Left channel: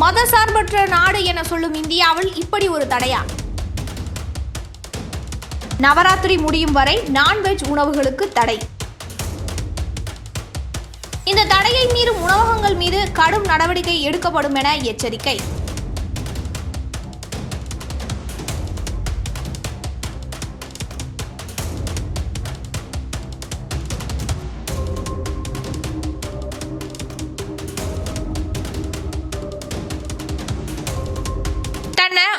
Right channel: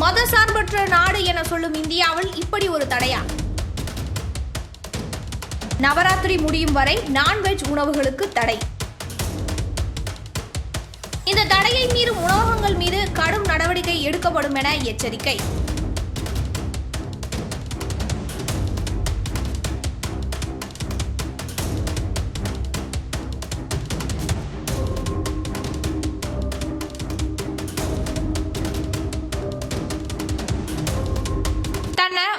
மதசார்பற்ற நாடு என சொல்லும் இந்தியாவில் இப்படி ஒரு தடையா? நவராத்திரி முடியும் வரை நான்வெஜ் உணவுகளுக்கு தடை. இந்த தடையை மீறும் உணவகங்கள் மீது கடும் நடவடிக்கை எடுக்கப்படும் என எச்சரிக்கை.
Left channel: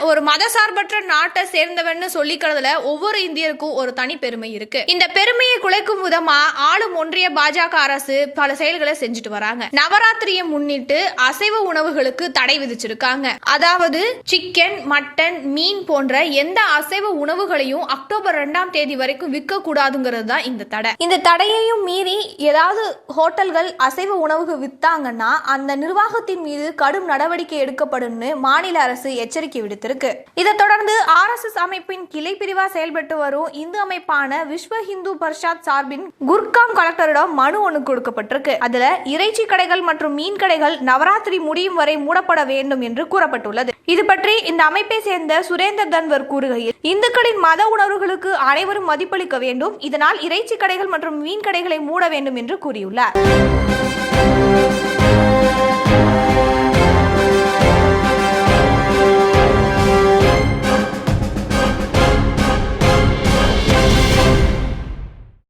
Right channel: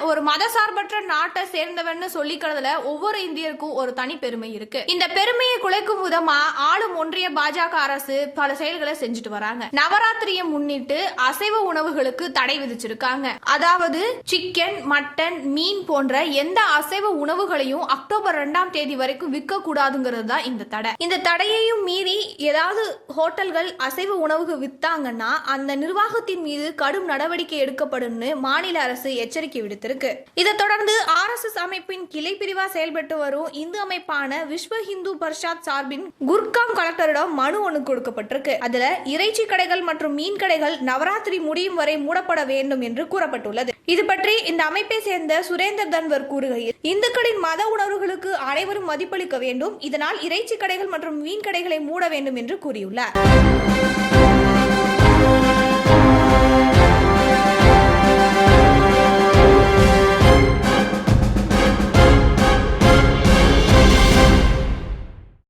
ஒரு மதசார்பற்ற நாட்டை சேர்ந்தவன்னு சொல்லிக்கிறதுல ஒவ்வொரு இந்தியருக்கும் ஒரு தனி பெருமை இருக்கு. இந்த பெருமையை குலைக்கும் விதமா ஆளும் ஒன்றிய பாஜக அரசு பல செயல்களை செஞ்சுட்டு வராங்க. நவராத்திரியை முன்னிட்டு அசைவ உணவுகளுக்கு தடை விதிச்சிருக்காங்க. அதாவது சிக்கன் மட்டன் மீன் போன்ற எந்த அசைவ உணவுகளையும் அக்டோபர் ரெண்டாம் தேதி வரைக்கும் விற்க கூடாதுங்கிறது தான் இந்த தடை. இந்த தடையையும் மீறி ஏதாவது ஹோட்டல்கள் அசைவ உணவுக்கு வித்தாங்கன்னா அந்த நிர்வாகத்தின் மீது கடும் நடவடிக்கை எடுக்கப்படும்னு மாநில அரசு எச்சரிக்கை விடுத்திருக்கு. இதை தொடர்ந்து ஆர்எஸ்எஸ் அமைப்பின் கிளை பிரிவா செயல்பட்டு வரும் இந்து அமைப்பான விஸ்வ ஹிந்து பர்ஷாத் சார்பின் குர்காம் கலெக்டரிடம் மனு ஒன்று கொடுக்கப்பட்டிருக்கு. அதுல இறைச்சி கடைகள் மற்றும் மீன் கடைகள் நவராத்திரி முடியும் வரை மூடப்பட வேண்டும் என்று கூறப்பட்டுள்ளது. இது பற்றி இந்த அமைப்பை சேர்ந்த சுரேந்தர் தன்வர் கூறுகையில் இந்துக்களின் மத உணர்வுகளுக்கு அனைவரும் மதிப்பளிக்க வேண்டும். இதனால் இறைச்சி கடைகள் மற்றும் மீன் கடைகளை மூட வேண்டும் என்று கூறியுள்ளார்.